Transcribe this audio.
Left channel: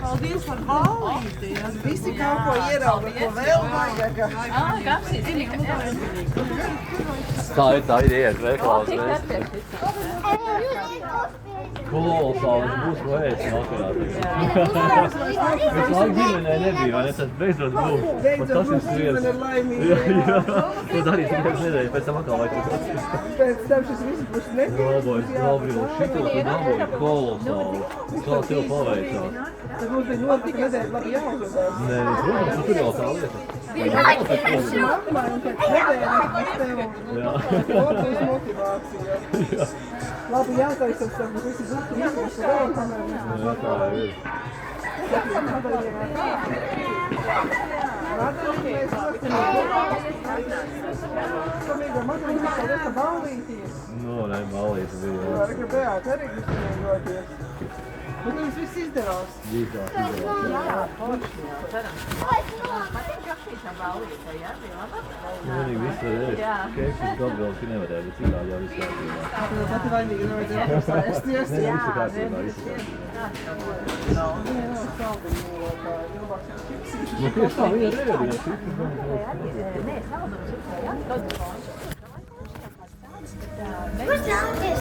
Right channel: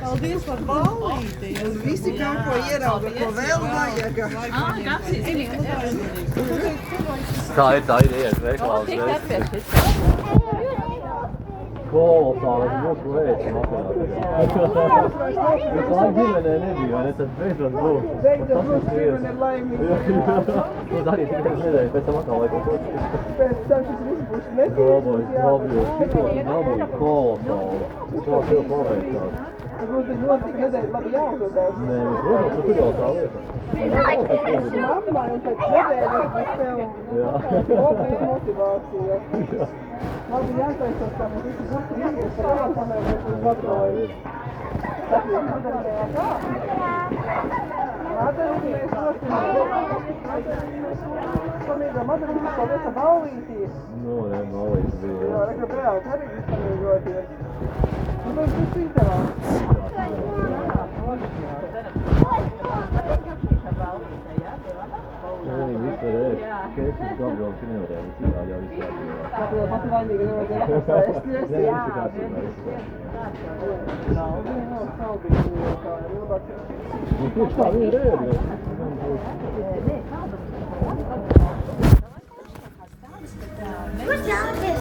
Paldies par ballīti. Visi kaut ko ierauga, ko vēl vajag. Tā ir iet veikalā. Kolosāls mūsu ēst vakarā. Visu laiku ģimenē nebija, vai ne? Tad beidzot būs. Beidzot mūsu ģimene ir laimīga. Jūs arī tikai nedēļu pēc tam atkal vajag tas. Pēc tam šis viss būs Galvojas, galvojos, šito dabūju kolosāli. Kā tev paveicās? Tas mums ir ļoti nedēļ labi jāuzvedās. Nē, protams, tu tur jau tā lieta. Apmēram pēc nedēļas mēs tev kopējas motivācija. Labi jātaisās, ka mēs visi būtu jāsaka, ka vēl kamēr mēs mums atvēlējam. Atvēlēties samīgā Madalīte, paldies, ka ballīties. Nu, ne, ballītes bija. Jā, rekli beāt arī izsniegoties. Un tas viss izdevās. Vienīgi viss var ēst. Keksis gan vēl ka nevarēja, bet citādi jau viss var. Tā pati vainīga nevajadzēja apsēsties. Jā, viss. Nu, tieši tā, viņa ir ēdies. Nē,